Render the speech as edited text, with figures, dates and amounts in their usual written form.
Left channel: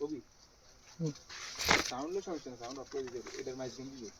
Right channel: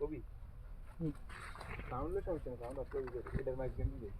কবি সাউন্ডের সমস্যা না, সাউন্ড অফ করে দিতে এটার মাইক দিয়ে দিবে।